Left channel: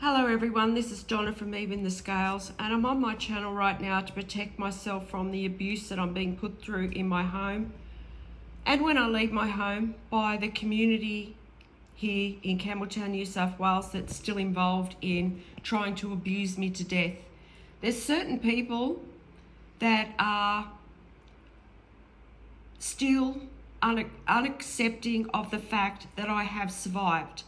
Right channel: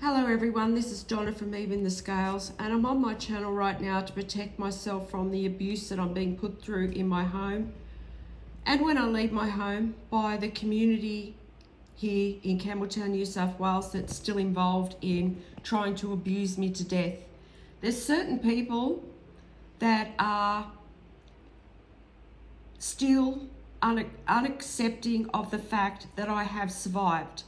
Hello everyone, this is Donna from Even the Scales, and I'm on my channel right now to protect myself from the abuse that I'm being put through in my home and when I leave my home by the community here in Campbelltown, New South Wales that's still involved in trying to abuse me to death. There's certain people that are still unaccepting of the fact that I have survived.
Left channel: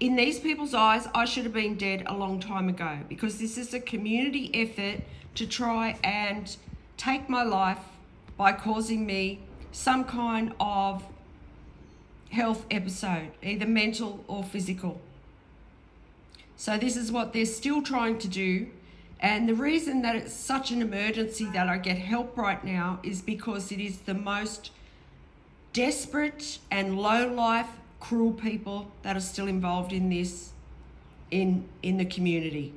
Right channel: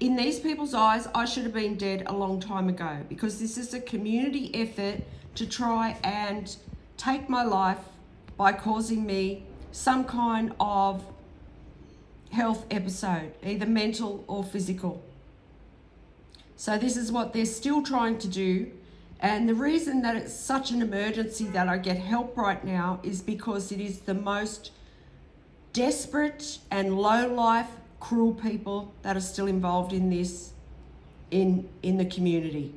In these people's eyes, I should have been dead a long time ago, because this is a community effort to try and take my life by causing me some kind of health episode, either mental or physical. So this is what they're still trying to do. And the reason that it's such an emergency that I get help right now is because it is the most desperate and low-life, cruel people that are still involved in this in the community.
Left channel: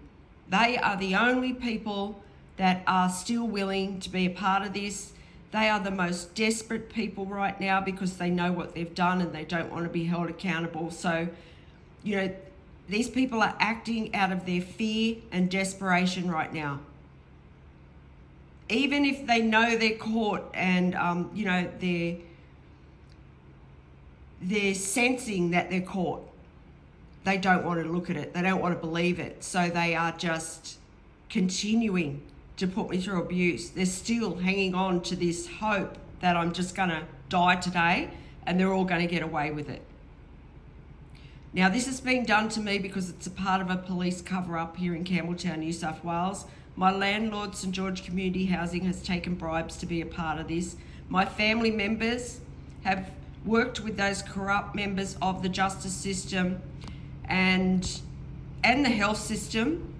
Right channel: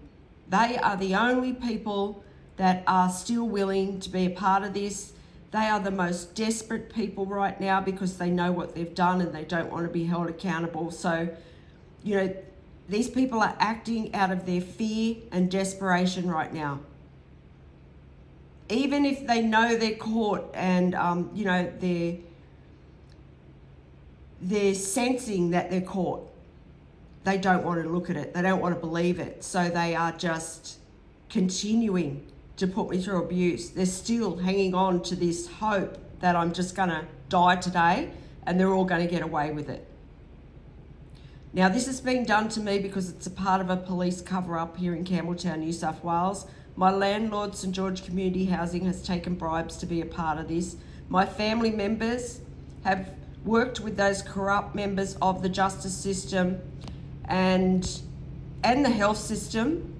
They are the only people that are still willing to be a part of this. They are the most desperate people right now because they know what they've done and they don't want to be held accountable. So, these people are acting out of their fear and desperation right now. Even if they know they're caught and, they're sensing that they're caught, they don't want to look at it. They don't want to believe it. So they are just continuing to put me through abuse. They're still hanging on to this hope that I'm just going to die today and they're all going to get away with it. Now, this is being done to me because it's a part of a police cover-up here in Campbelltown, New South Wales. My landlord, St George Community Housing, has taken bribes to be a part of this. My family members have worked with those corrupt members of the justice system and the health system.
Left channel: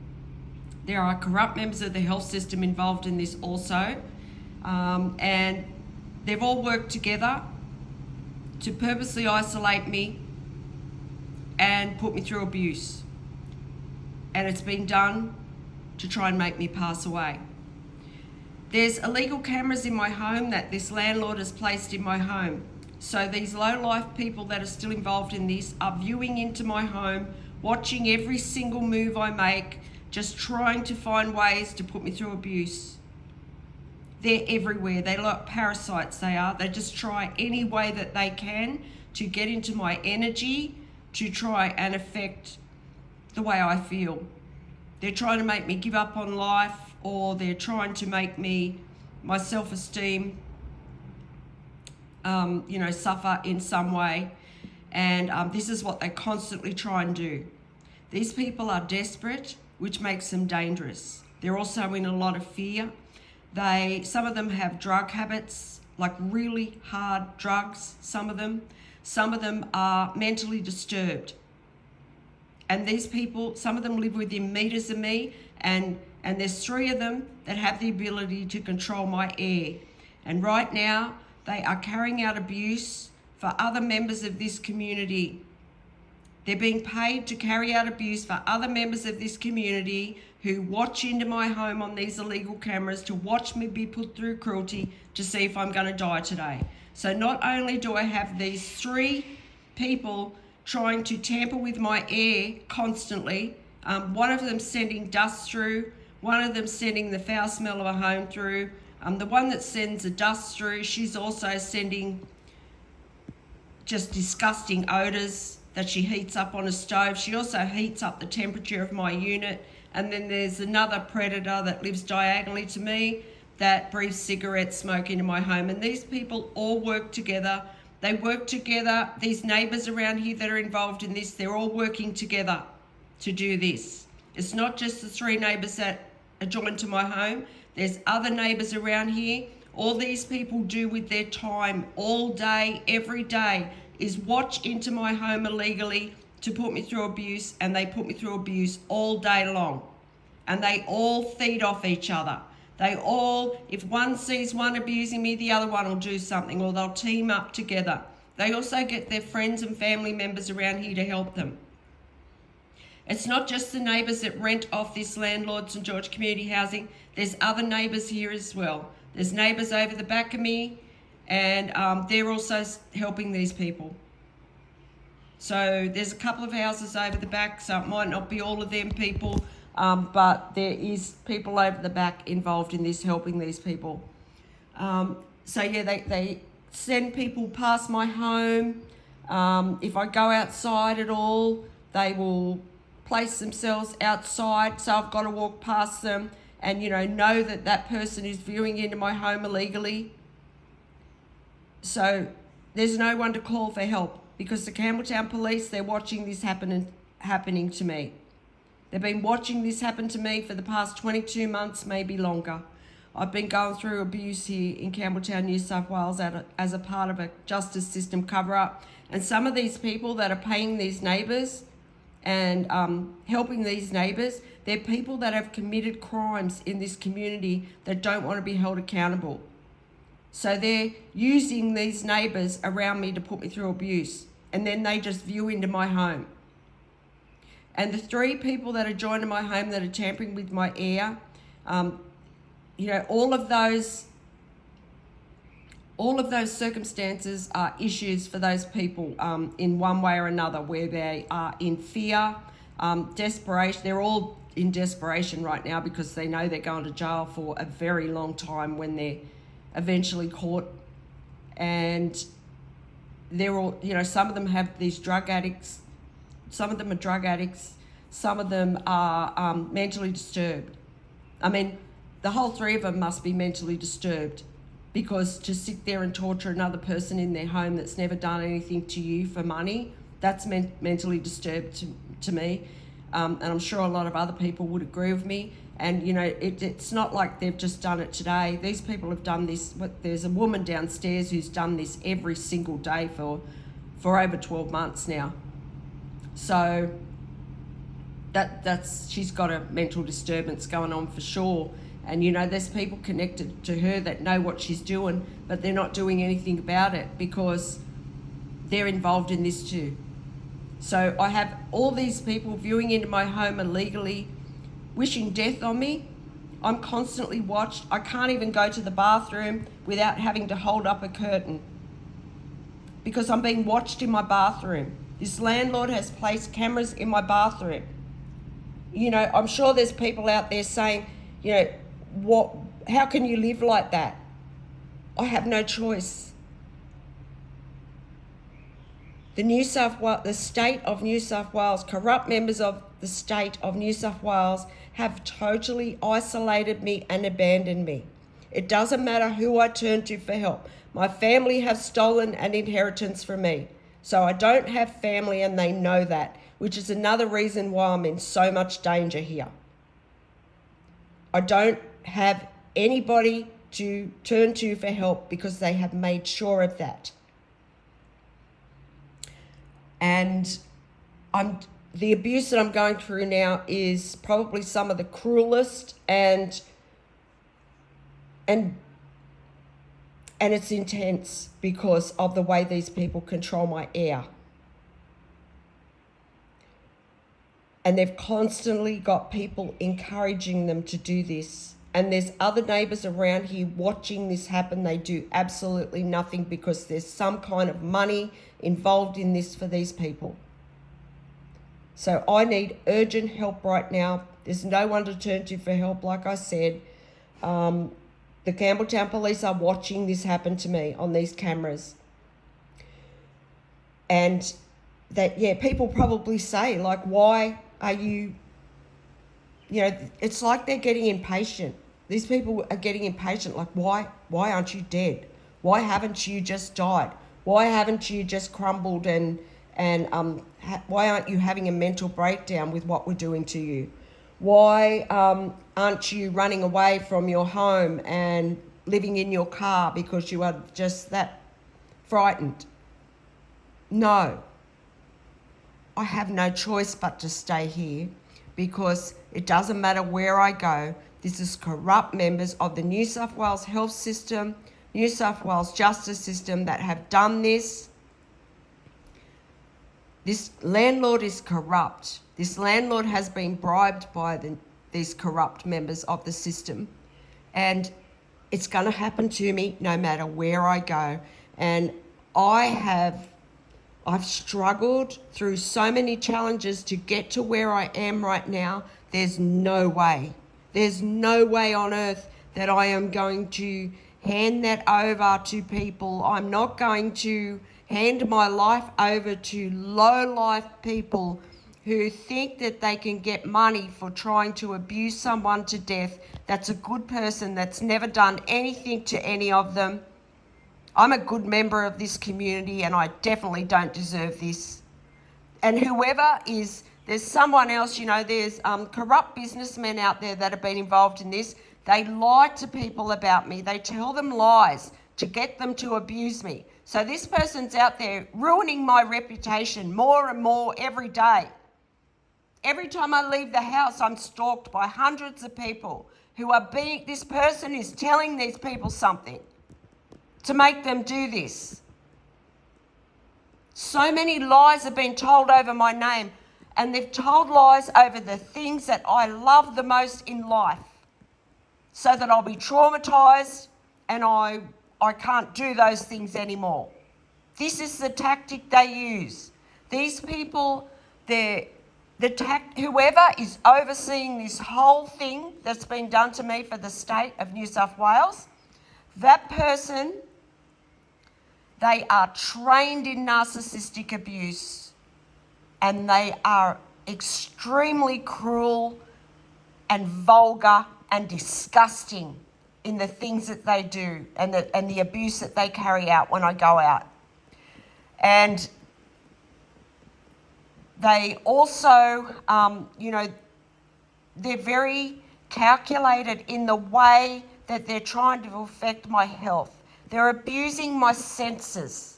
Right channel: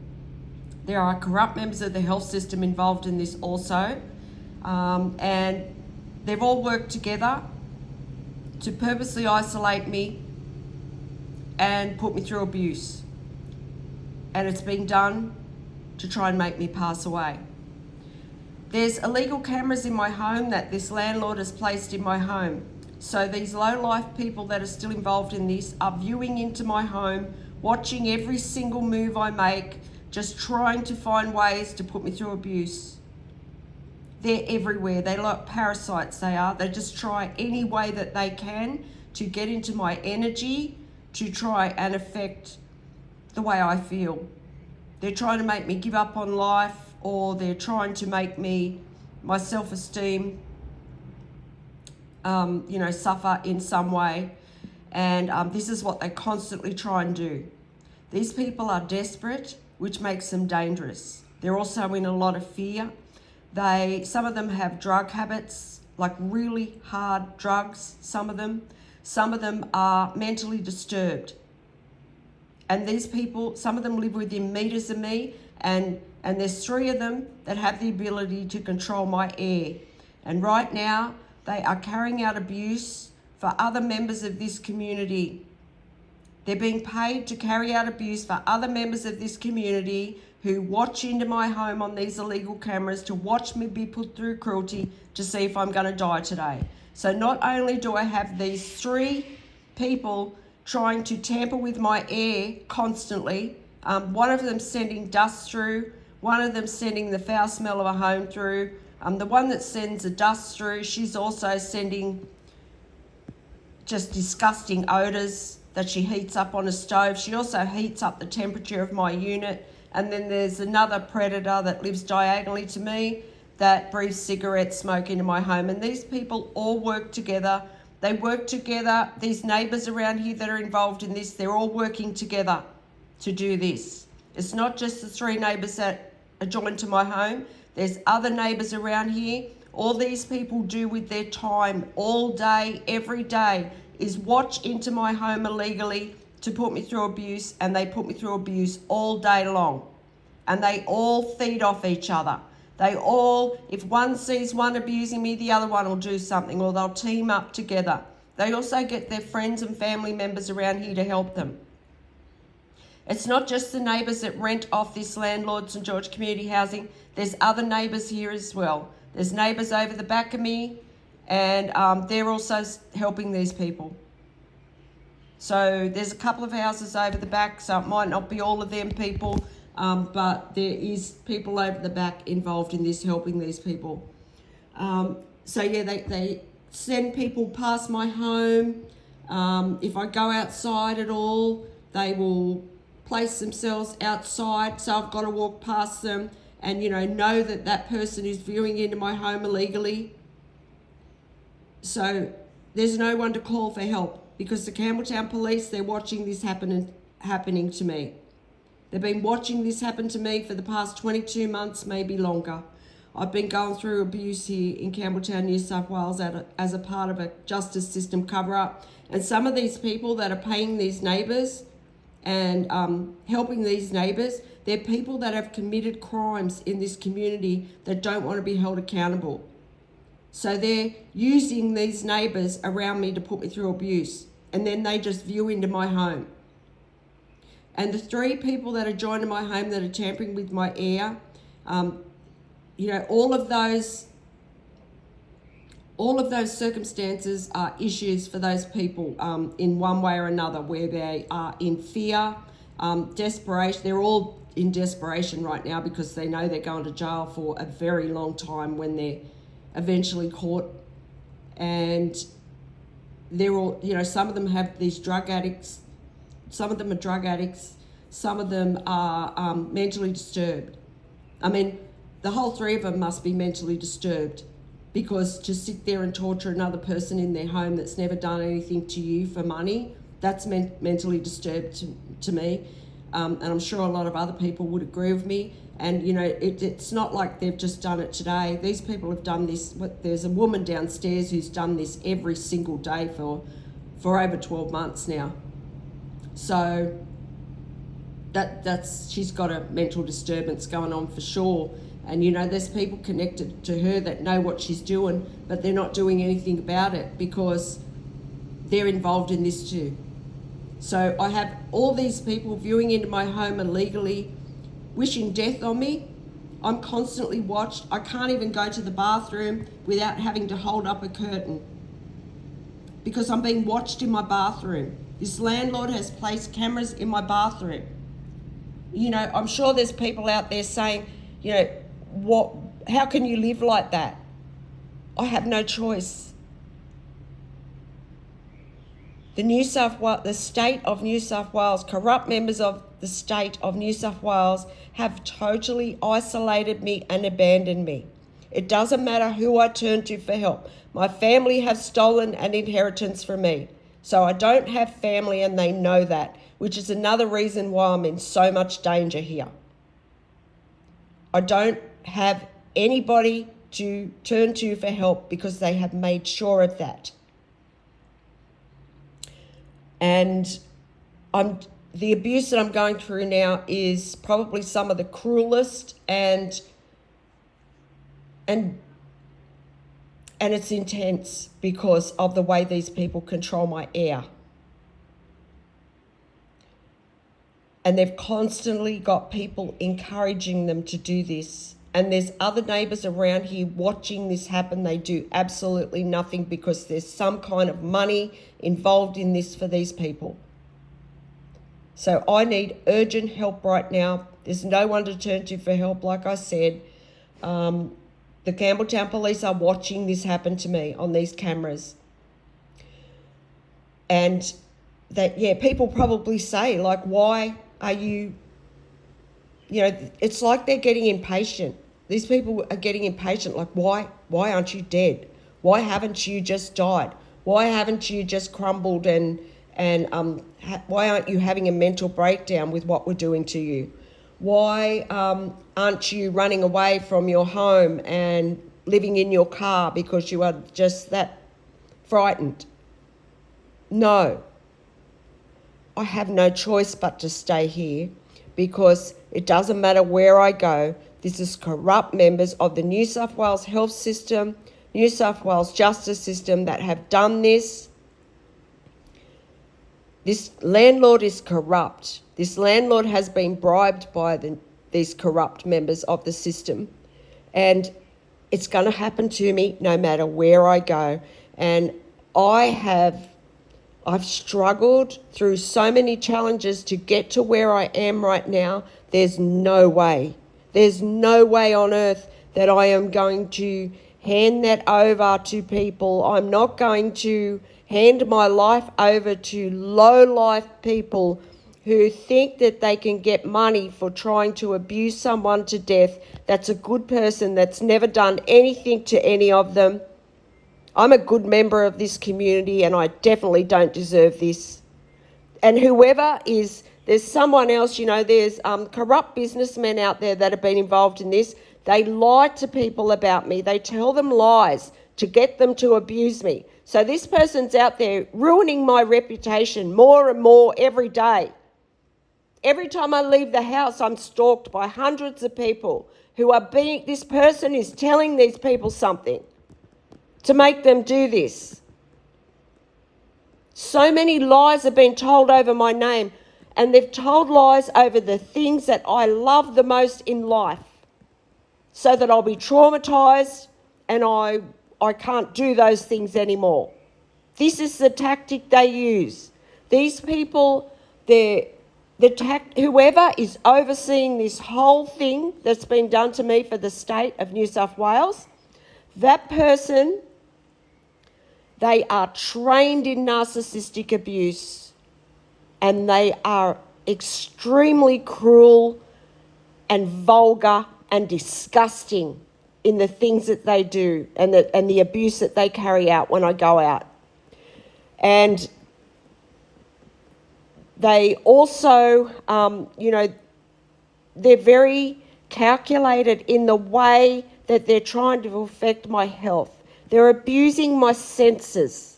There are corrupt members of the health system involved in this also. And they've all worked together to purposely isolate me and put me through abuse. And it's been done to try and make me pass away. There's illegal cameras in my home that this landlord has placed in my home. So these low-life people that are still involved in this are viewing into my home, watching every single move I make, just trying to find ways to put me through abuse. They're everywhere. They're like parasites, they are. They just try any way that they can to get into my energy, to try and affect the way I feel. They're trying to make me give up on life, or they're trying to make my self-esteem suffer in some way. And this is what they constantly try and do. These people are desperate, which makes them dangerous. They're also in a lot of fear. Some of them have drug habits, like really hard drugs, some of them. Some of them are mentally disturbed. And these people, some of them live within meters of me, and there's 3 of them that have the ability to control my air. And right now, they are carrying out abuse for other members of this community. They're being paid to carry out abuse for other members of this community who watch into my home on these illegal cameras to watch me be put through cruelty to see if I'm going to die today. So not only do I have these 3 people trying to tamper with my air constantly, one of them sending dust through, one of them sending the foul smell of a home through, the one that sends the dust through, she's also sending just disgusting odours that she heats up on a stove. She also heats up the temperature of my unit. And then there's another predator that lives diagonally to me that breathes cigarette smoke into my home. And these people all work together. They work together. These neighbours around here that are involved in this, they're all working together to do this. It's not just the 3 neighbours that are joined to my home. There's other neighbours around here. All these people do with their time all day, every day, is watch into my home illegally to put me through abuse, and they put me through abuse all day long. And they all feed off each other. If one sees one abusing me, the other one will do something, or they'll team up together. They also get their friends and family members around here to help them. It's not just the neighbours that rent off this landlord, St George Community Housing. There's other neighbours here as well. There's neighbours over the back of me, and they're also helping these people. So there's a couple of houses over the back, so it might not be all of them people, but there is people over the back involved in this, helping these people. So yeah, they send people past my home. If I go outside at all, they will place themselves outside, so I've got to walk past them and know that that person is viewing into my home illegally. So there's no one to call for help because the Campbelltown police, they're watching this happening to me. They've been watching this happen to me for the past 22 months, maybe longer. I've been going through abuse here in Campbelltown, New South Wales as a part of a justice system cover-up. And some of these people that are paying these neighbours and helping these neighbours, they're people that have committed crimes in this community that don't want to be held accountable. So they're using these neighbours around me to put me through abuse, and then they just view into my home. And the 3 people that are joining my home that are tampering with my air, all of those circumstances are issues for those people in one way or another, where they are in fear, desperation. They're all in desperation right now because they know they're going to jail for a very long time when they're eventually caught. And they're all, some of them have these drug addicts. Some of them are drug addicts. Some of them are mentally disturbed. I mean, the whole 3 of them must be mentally disturbed, because to sit there and torture another person in their home that's never done anything to you for money, that's mentally disturbed to me. And I'm sure a lot of other people would agree with me. And, it's not like they've just done it today. These people have done this. There's a woman downstairs who's done this every single day for over 12 months now. So she's got a mental disturbance going on for sure. And, there's people connected to her that know what she's doing, but they're not doing anything about it because they're involved in this too. So I have all these people viewing into my home illegally, wishing death on me. I'm constantly watched. I can't even go to the bathroom without having to hold up a curtain because I'm being watched in my bathroom. This landlord has placed cameras in my bathroom. I'm sure there's people out there saying, how can you live like that? I have no choice. The state of New South Wales, corrupt members of the state of New South Wales have totally isolated me and abandoned me. It doesn't matter who I turn to for help. My family have stolen an inheritance from me. So I don't have family, and they know that, which is another reason why I'm in so much danger here. I don't have anybody to turn to for help because they have made sure of that. And the abuse that I'm going through now is probably some of the cruelest, and it's intense because of the way these people control my air. And they've constantly got people encouraging them to do this. And there's other neighbours around here watching this happen. They do absolutely nothing because there's some kind of money involved in this for these people. So I need urgent help right now. There's no one to turn to for help, like I said. The Campbelltown police are watching this happen to me on these cameras. And people probably say, like, why are you, it's like they're getting impatient. These people are getting impatient, like, why aren't you dead? Why haven't you just died? Why haven't you just crumbled and why aren't you having a mental breakdown with what we're doing to you? Why aren't you running away from your home and living in your car because you are just that frightened? No. I have no choice but to stay here because it doesn't matter where I go. This is corrupt members of the New South Wales health system, New South Wales justice system that have done this. This landlord is corrupt. This landlord has been bribed by these corrupt members of the system. And it's going to happen to me no matter where I go. And I I've struggled through so many challenges to get to where I am right now. There's no way on earth that I am going to hand that over to people. I'm not going to hand my life over to low-life people who think that they can get money for trying to abuse someone to death. That's a good person that's never done anything to any of them. I'm a good member of this community and I definitely don't deserve this. And whoever is, there's someone else, there's corrupt businessmen out there that have been involved in this. They lie to people about me. They tell them lies to get them to abuse me. So this person's out there ruining my reputation more and more every day. Every time I leave the house, I'm stalked by hundreds of people who are this person is telling these people something to make them do this. So many lies have been told over my name, and they've told lies over the things that I love the most in life, so that I'll be traumatized and I can't do those things anymore. This is the tactic they use. These people, whoever is overseeing this whole thing that's been done to me for the state of New South Wales, that person, they are trained in narcissistic abuse and they are extremely cruel and vulgar and disgusting in the things that they do and the abuse that they carry out when I go out. And they also, they're very calculated in the way that they're trying to affect my health. They're abusing my senses.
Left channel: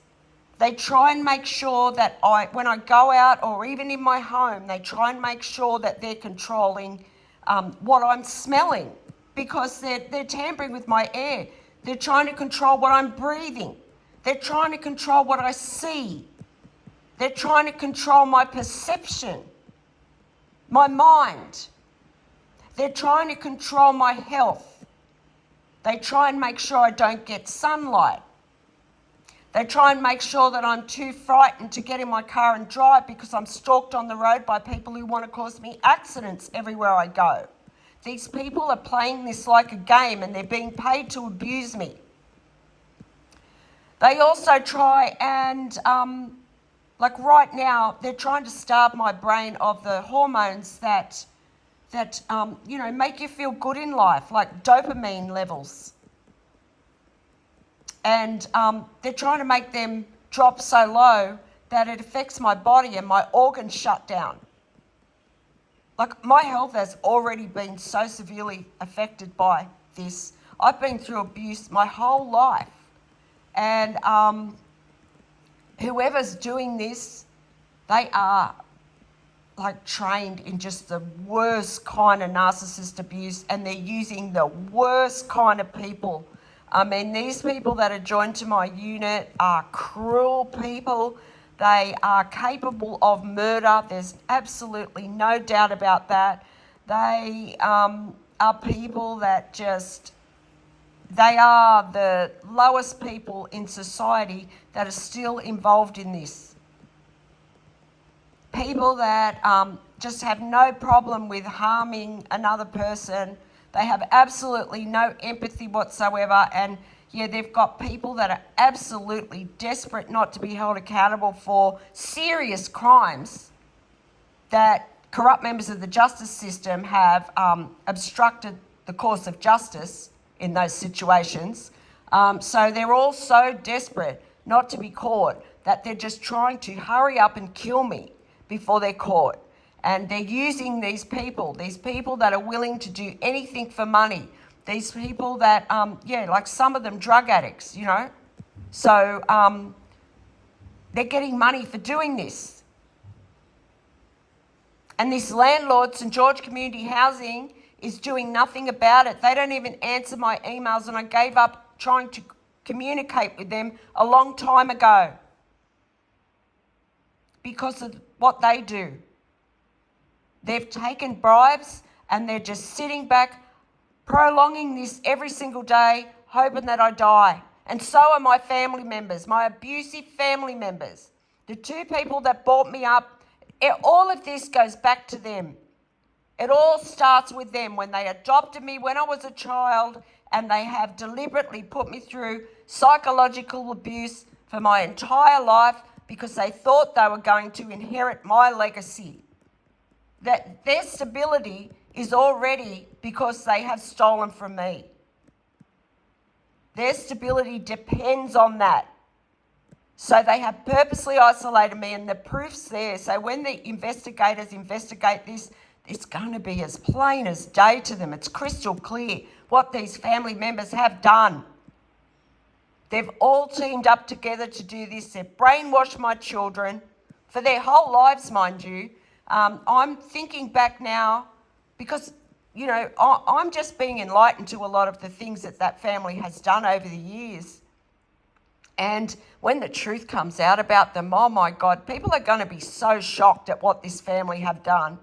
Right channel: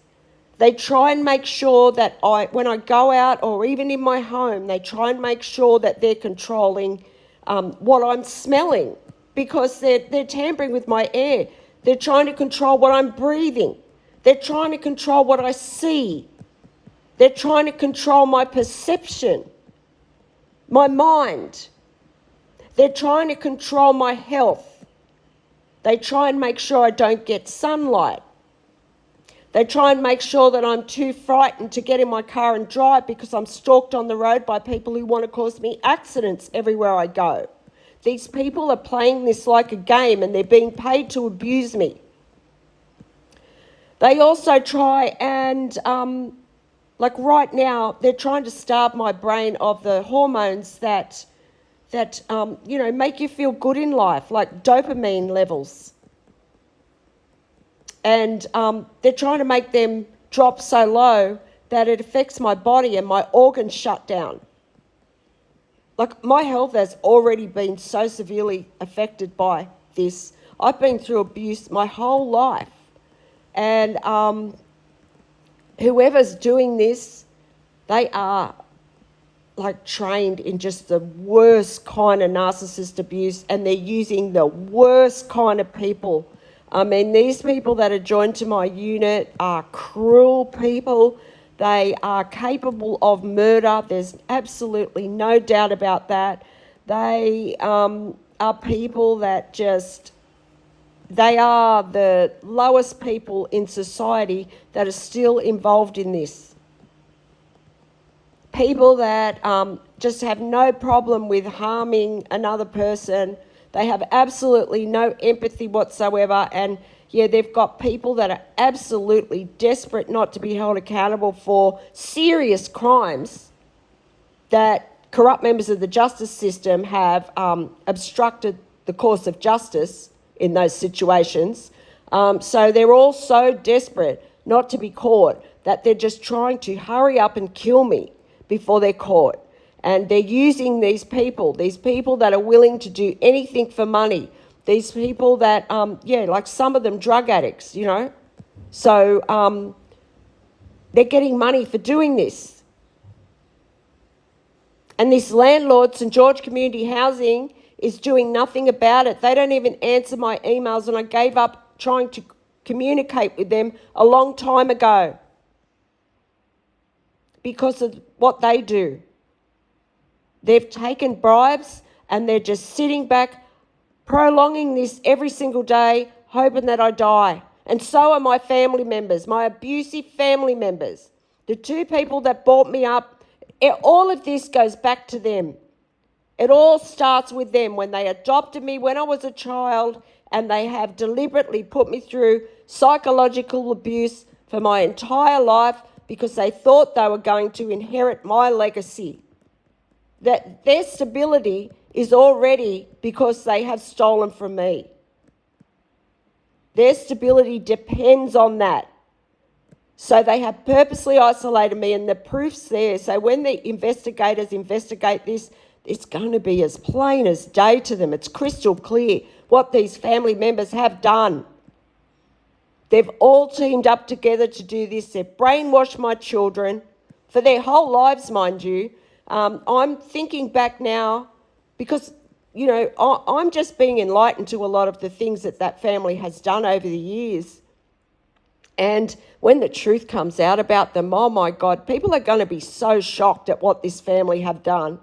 They try and make sure that when I go out or even in my home, they try and make sure that they're controlling what I'm smelling, because they're tampering with my air. They're trying to control what I'm breathing. They're trying to control what I see. They're trying to control my perception, my mind. They're trying to control my health. They try and make sure I don't get sunlight. They try and make sure that I'm too frightened to get in my car and drive because I'm stalked on the road by people who want to cause me accidents everywhere I go. These people are playing this like a game and they're being paid to abuse me. They also try and, like right now, they're trying to starve my brain of the hormones that make you feel good in life, like dopamine levels. And they're trying to make them drop so low that it affects my body and my organs shut down. Like, my health has already been so severely affected by this. I've been through abuse my whole life. And whoever's doing this, they are like trained in just the worst kind of narcissist abuse, and they're using the worst kind of people. I mean, these people that are joined to my unit are cruel people. They are capable of murder. There's absolutely no doubt about that. They are people that they are the lowest people in society that are still involved in this. People that just have no problem with harming another person. They have absolutely no empathy whatsoever. And yeah, they've got people that are absolutely desperate not to be held accountable for serious crimes that corrupt members of the justice system have obstructed the course of justice in those situations. So they're all so desperate not to be caught that they're just trying to hurry up and kill me before they're caught. And they're using these people that are willing to do anything for money. These people that, like some of them drug addicts, So they're getting money for doing this. And this landlord, St. George Community Housing, is doing nothing about it. They don't even answer my emails, and I gave up trying to communicate with them a long time ago because of what they do. They've taken bribes and they're just sitting back, prolonging this every single day, hoping that I die. And so are my family members, my abusive family members. The two people that brought me up, all of this goes back to them. It all starts with them when they adopted me when I was a child, and they have deliberately put me through psychological abuse for my entire life because they thought they were going to inherit my legacy. That their stability is already because they have stolen from me. Their stability depends on that. So they have purposely isolated me, and the proof's there. So when the investigators investigate this, it's going to be as plain as day to them. It's crystal clear what these family members have done. They've all teamed up together to do this. They've brainwashed my children for their whole lives, mind you. I'm thinking back now because, you know, I'm just being enlightened to a lot of the things that that family has done over the years. And when the truth comes out about them, oh my God, people are going to be so shocked at what this family have done.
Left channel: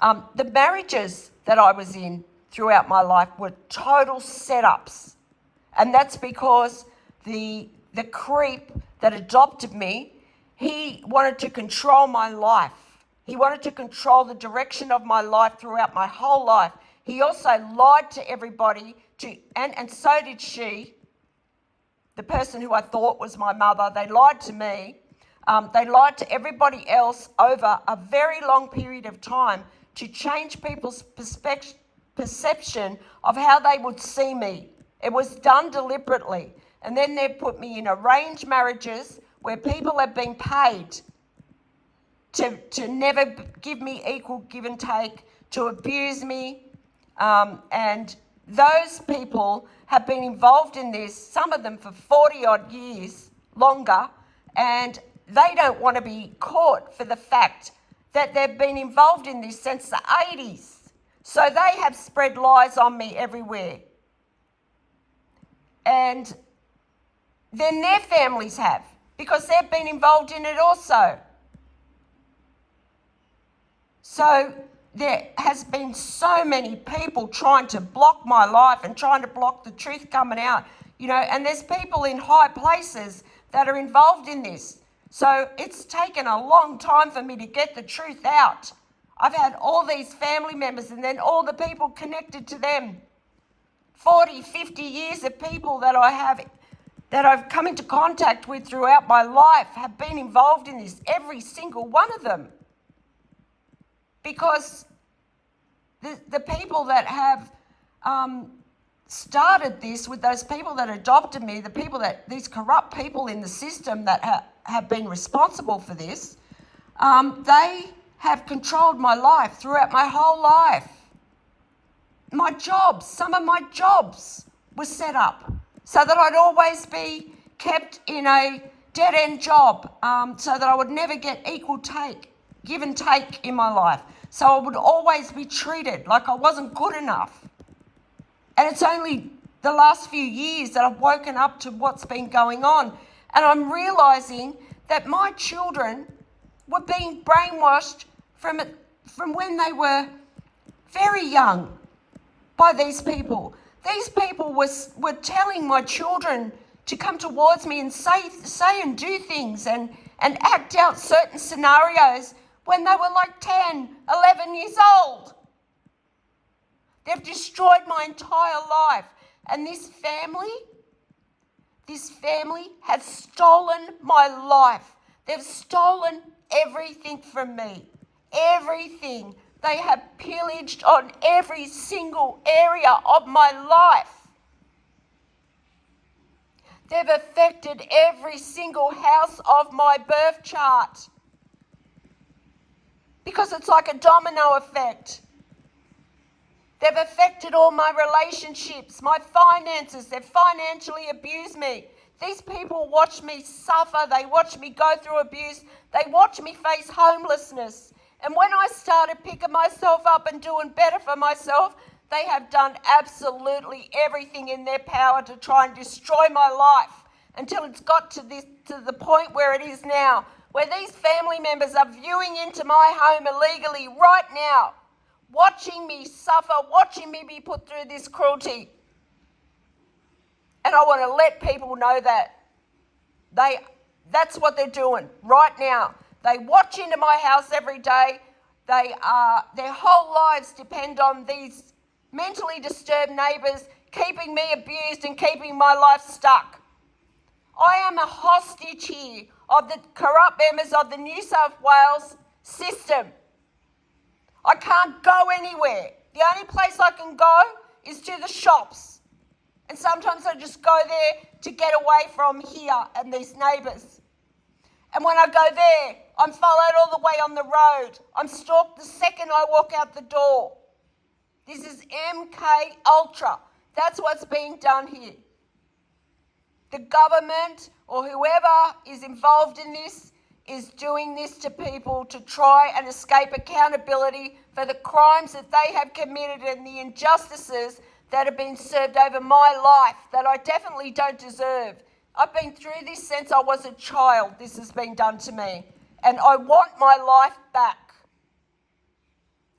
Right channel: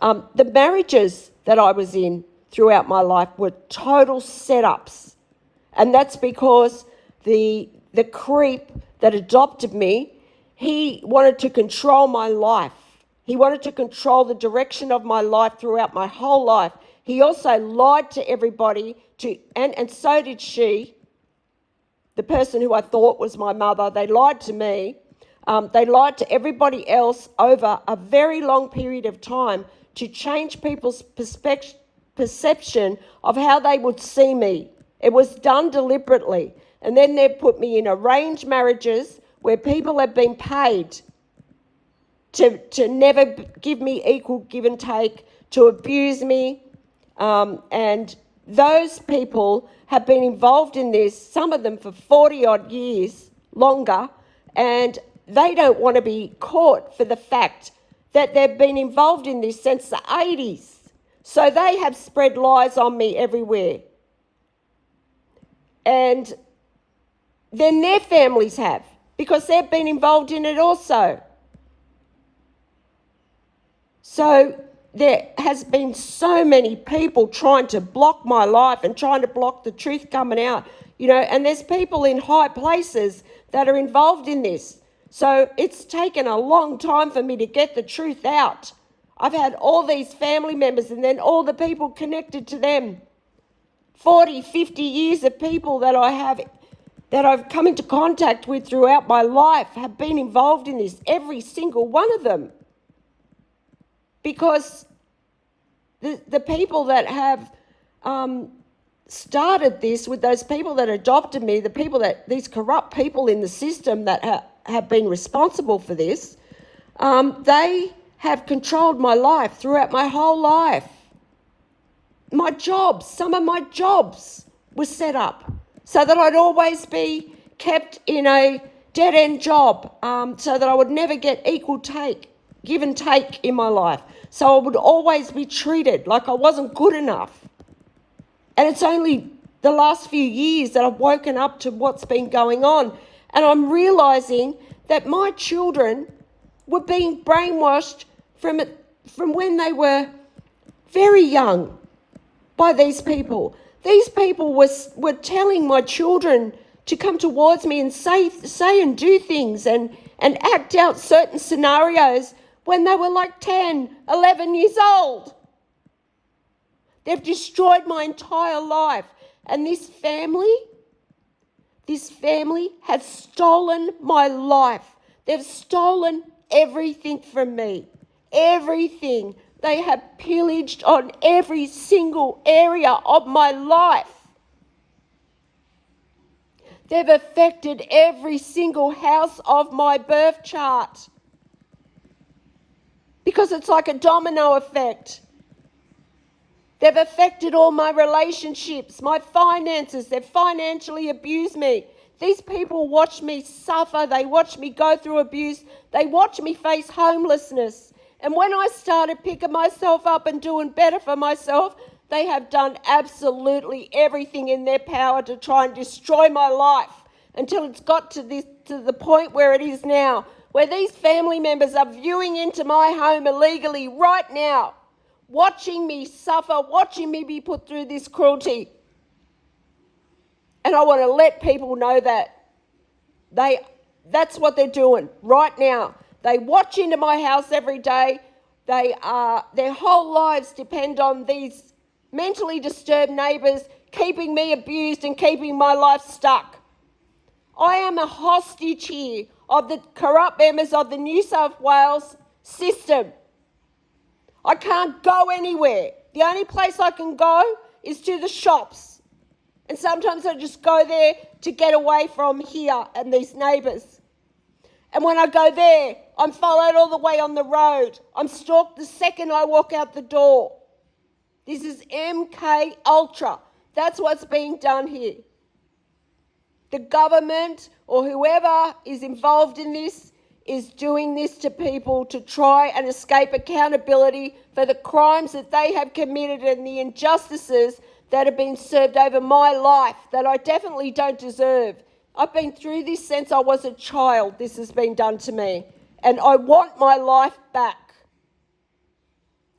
The marriages that I was in throughout my life were total setups. And that's because the creep that adopted me, he wanted to control my life. He wanted to control the direction of my life throughout my whole life. He also lied to everybody, and so did she, the person who I thought was my mother. They lied to me. They lied to everybody else over a very long period of time to change people's perception of how they would see me. It was done deliberately. And then they put me in arranged marriages where people have been paid to never give me equal give and take, to abuse me. And those people have been involved in this, some of them for 40 odd years longer, and they don't want to be caught for the fact that they've been involved in this since the 80s. So they have spread lies on me everywhere. And then their families have, because they've been involved in it also. So there has been so many people trying to block my life and trying to block the truth coming out, you know, and there's people in high places that are involved in this. So it's taken a long time for me to get the truth out. I've had all these family members and then all the people connected to them. 40, 50 years of people that I've come into contact with throughout my life have been involved in this, every single one of them. Because the people that have started this with those people that adopted me, these corrupt people in the system that have been responsible for this, they have controlled my life throughout my whole life. My jobs, some of my jobs were set up so that I'd always be kept in a dead-end job, so that I would never get equal give and take in my life. So I would always be treated like I wasn't good enough. And it's only the last few years that I've woken up to what's been going on. And I'm realising that my children were being brainwashed from when they were very young by these people. These people were telling my children to come towards me and say and do things and act out certain scenarios when they were like 10, 11 years old. They've destroyed my entire life. And this family has stolen my life. They've stolen everything from me. Everything. They have pillaged on every single area of my life. They've affected every single house of my birth chart. Because it's like a domino effect. They've affected all my relationships, my finances. They've financially abused me. These people watch me suffer. They watch me go through abuse. They watch me face homelessness. And when I started picking myself up and doing better for myself, they have done absolutely everything in their power to try and destroy my life until it's got to the point where it is now, where these family members are viewing into my home illegally right now, watching me suffer, watching me be put through this cruelty. And I want to let people know that That's what they're doing right now. They watch into my house every day. Their whole lives depend on these mentally disturbed neighbours keeping me abused and keeping my life stuck. I am a hostage here of the corrupt members of the New South Wales system. I can't go anywhere. The only place I can go is to the shops. And sometimes I just go there to get away from here and these neighbours. And when I go there, I'm followed all the way on the road. I'm stalked the second I walk out the door. This is MK Ultra. That's what's being done here. The government or whoever is involved in this is doing this to people to try and escape accountability for the crimes that they have committed and the injustices that have been served over my life that I definitely don't deserve. I've been through this since I was a child. This has been done to me, and I want my life back.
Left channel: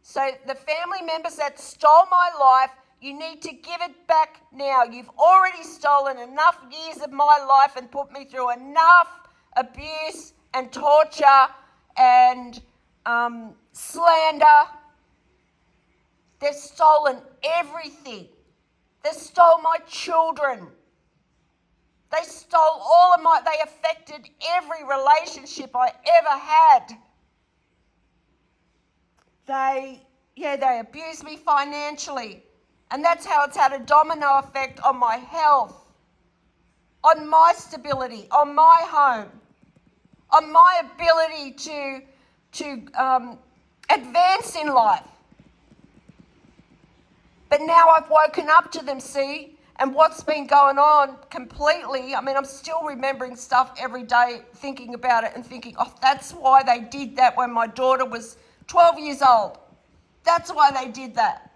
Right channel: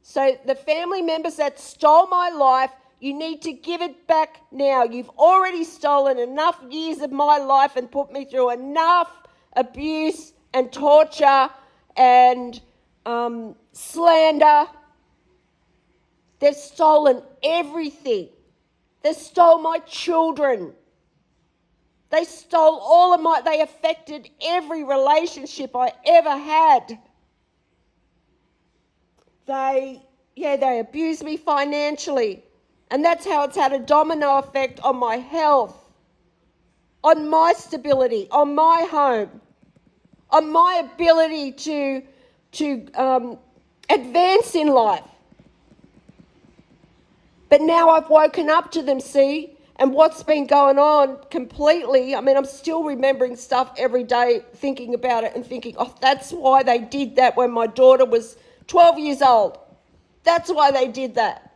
So the family members that stole my life, you need to give it back now. You've already stolen enough years of my life and put me through enough abuse and torture and slander. They've stolen everything. They stole my children. They stole all of they affected every relationship I ever had. They abused me financially. And that's how it's had a domino effect on my health, on my stability, on my home, on my ability to advance in life. But now I've woken up to them, see, and what's been going on completely. I mean, I'm still remembering stuff every day, thinking about it and thinking, oh, that's why they did that when my daughter was 12 years old. That's why they did that.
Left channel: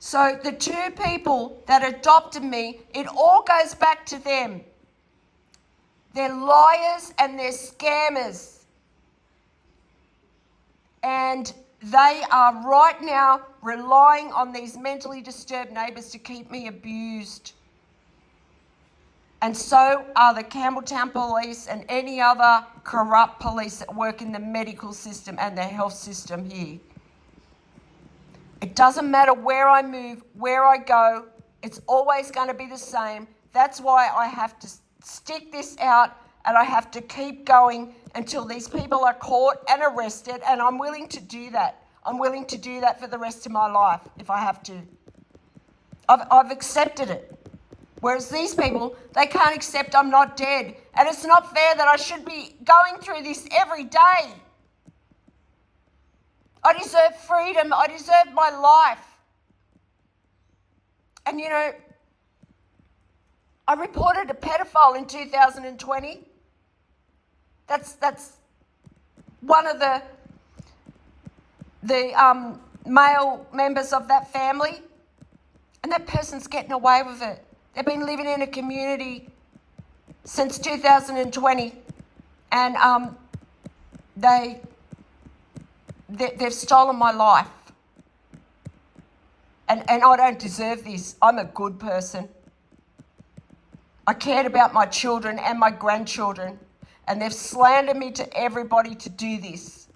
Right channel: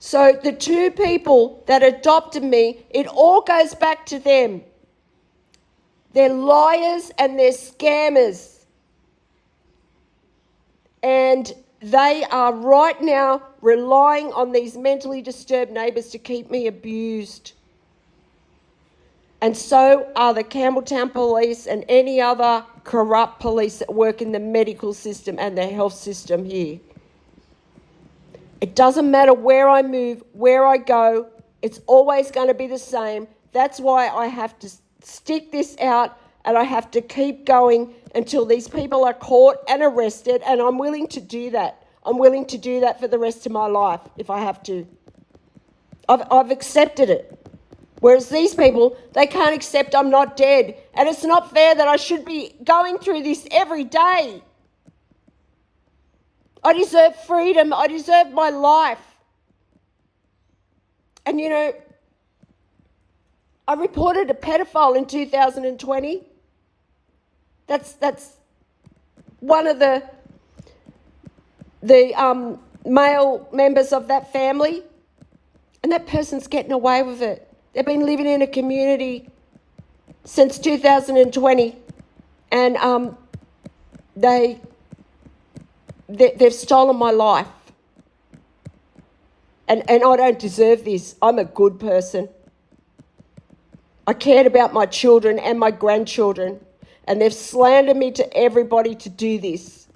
So the two people that adopted me, it all goes back to them. They're liars and they're scammers. And they are right now relying on these mentally disturbed neighbours to keep me abused. And so are the Campbelltown police and any other corrupt police that work in the medical system and the health system here. It doesn't matter where I move, where I go, it's always going to be the same. That's why I have to stick this out and I have to keep going until these people are caught and arrested, and I'm willing to do that. I'm willing to do that for the rest of my life if I have to. I've accepted it. Whereas these people, they can't accept I'm not dead. And it's not fair that I should be going through this every day. I deserve freedom. I deserve my life. And you know, I reported a pedophile in 2020. That's one of the male members of that family, and that person's getting away with it. They've been living in a community since 2020, and they've stolen my life. And I don't deserve this. I'm a good person. I cared about my children and my grandchildren, and they've slandered me to everybody to do this.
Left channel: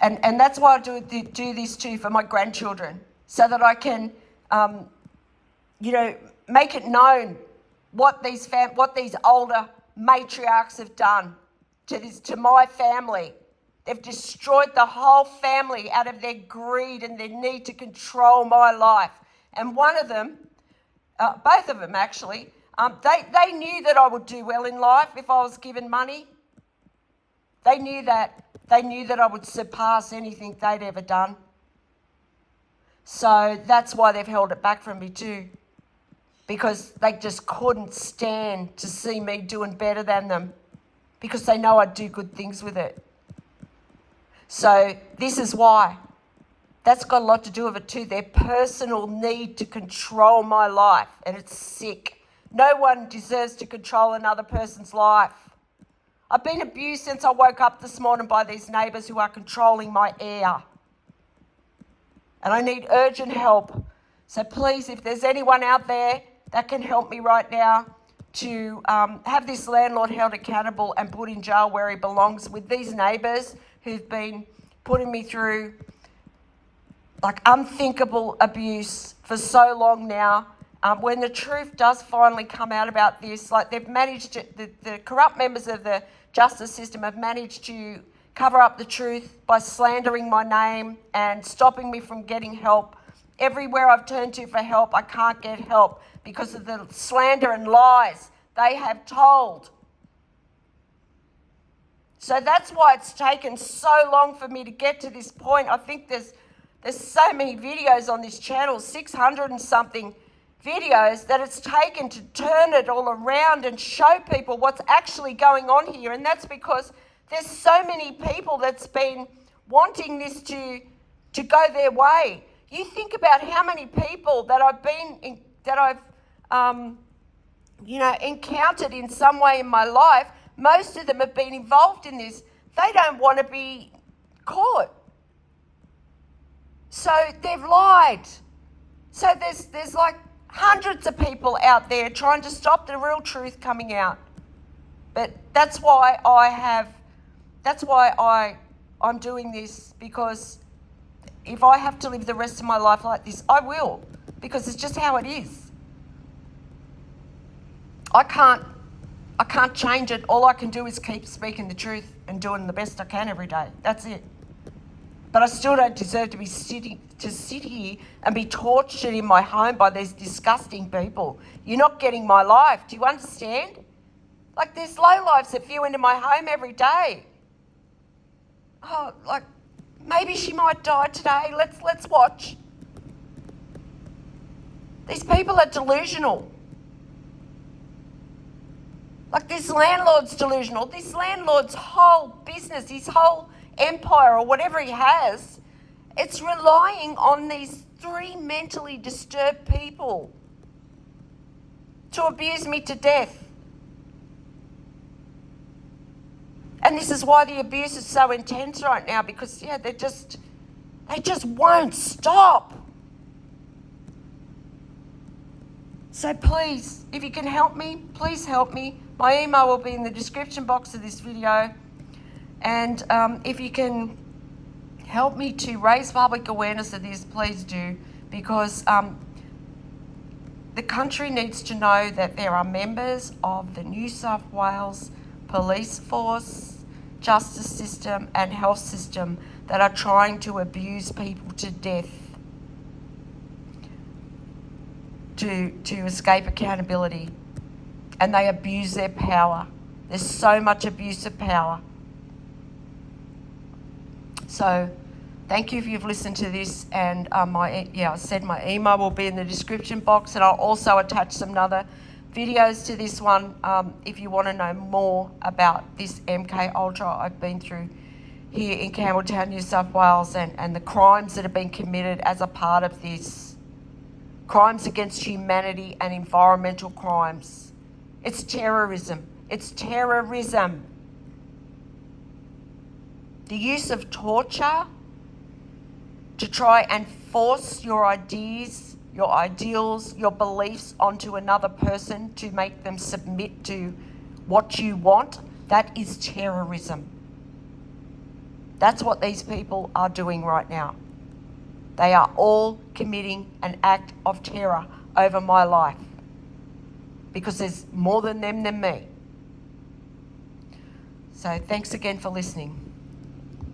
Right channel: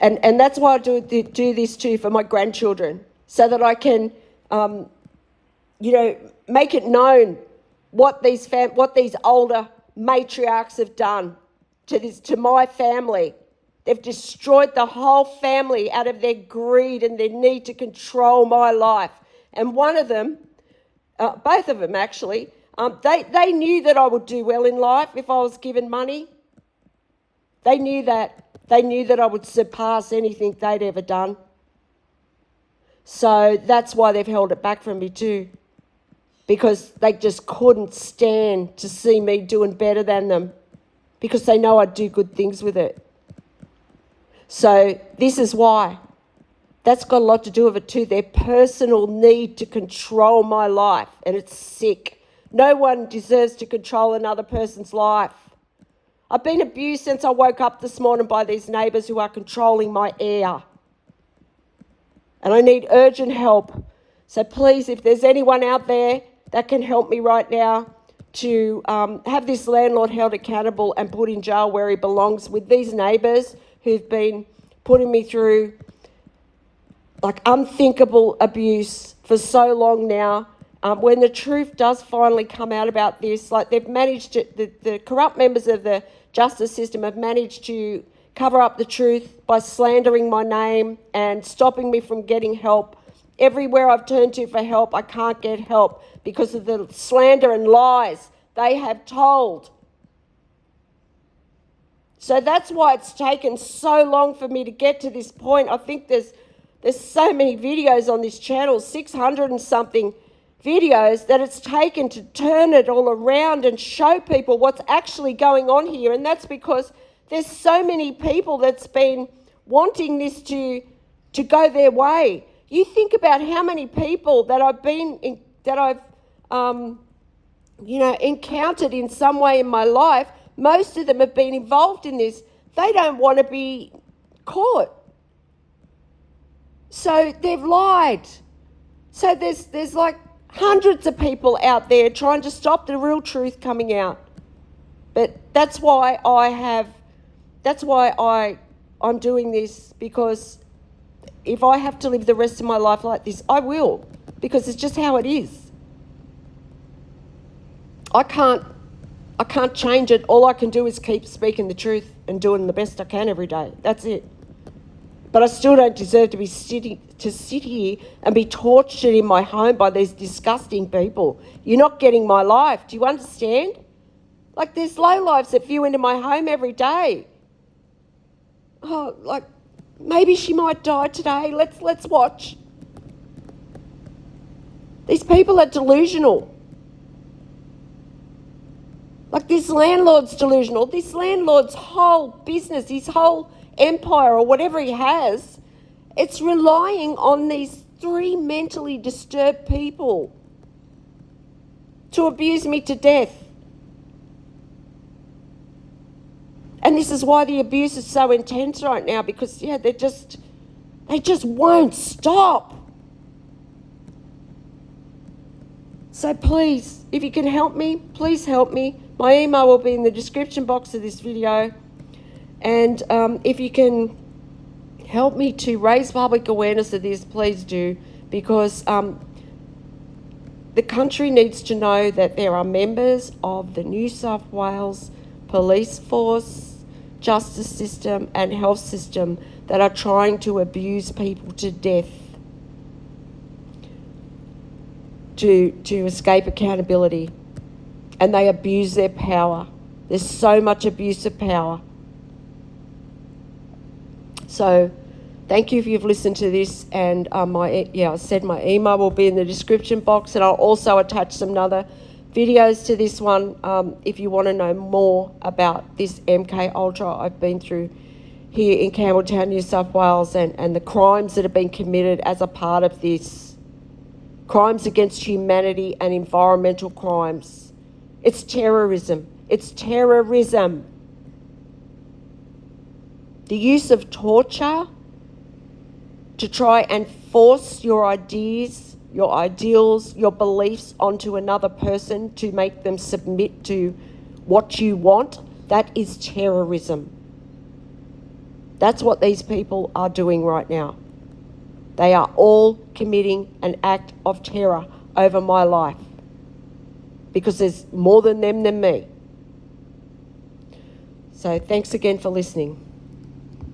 And that's why I do this too, for my grandchildren, so that I can, make it known what these older matriarchs have done to my family. They've destroyed the whole family out of their greed and their need to control my life. And one of them, both of them actually, they knew that I would do well in life if I was given money. They knew that. They knew that I would surpass anything they'd ever done. So that's why they've held it back from me too, because they just couldn't stand to see me doing better than them, because they know I'd do good things with it. So this is why. That's got a lot to do with it too, their personal need to control my life, and it's sick. No one deserves to control another person's life. I've been abused since I woke up this morning by these neighbours who are controlling my air. And I need urgent help. So please, if there's anyone out there that can help me right now, to have this landlord held accountable and put in jail where he belongs with these neighbours who've been putting me through like unthinkable abuse for so long now. When the truth does finally come out about this, like they've managed to, the corrupt members of the justice system have managed to cover up the truth by slandering my name and stopping me from getting help. Everywhere I've turned to for help, I can't get help because of the slander and lies they have told. So that's why it's taken so long for me to get to this point. I think there's so many videos on this channel, 600 and something videos, that it's taken to turn it all around and show people what's actually going on here. And that's because there's so many people that's been wanting this to go their way. You think about how many people that I've encountered in some way in my life. Most of them have been involved in this. They don't want to be caught. So they've lied. So there's like hundreds of people out there trying to stop the real truth coming out. But that's why I'm doing this, because if I have to live the rest of my life like this, I will, because it's just how it is. I can't change it. All I can do is keep speaking the truth and doing the best I can every day. That's it. But I still don't deserve to sit here and be tortured in my home by these disgusting people. You're not getting my life. Do you understand? Like, there's lowlifes that view into my home every day. Oh, like, maybe she might die today. Let's watch. These people are delusional. Like, this landlord's delusional. This landlord's whole business, his whole empire or whatever he has, it's relying on these 3 mentally disturbed people to abuse me to death. And this is why the abuse is so intense right now, because they just won't stop. So please, if you can help me, please help me. My email will be in the description box of this video. And if you can help me to raise public awareness of this, please do, because the country needs to know that there are members of the New South Wales police force, justice system and health system that are trying to abuse people to death to escape accountability. And they abuse their power. There's so much abuse of power. So thank you if you've listened to this, and I said my email will be in the description box, and I'll also attach some other videos to this one if you want to know more about this MK Ultra I've been through here in Campbelltown, New South Wales, and the crimes that have been committed as a part of this. Crimes against humanity and environmental crimes. It's terrorism. It's terrorism. The use of torture to try and force your ideas, your ideals, your beliefs onto another person to make them submit to what you want, that is terrorism. That's what these people are doing right now. They are all committing an act of terror over my life, because there's more than them than me. So thanks again for listening.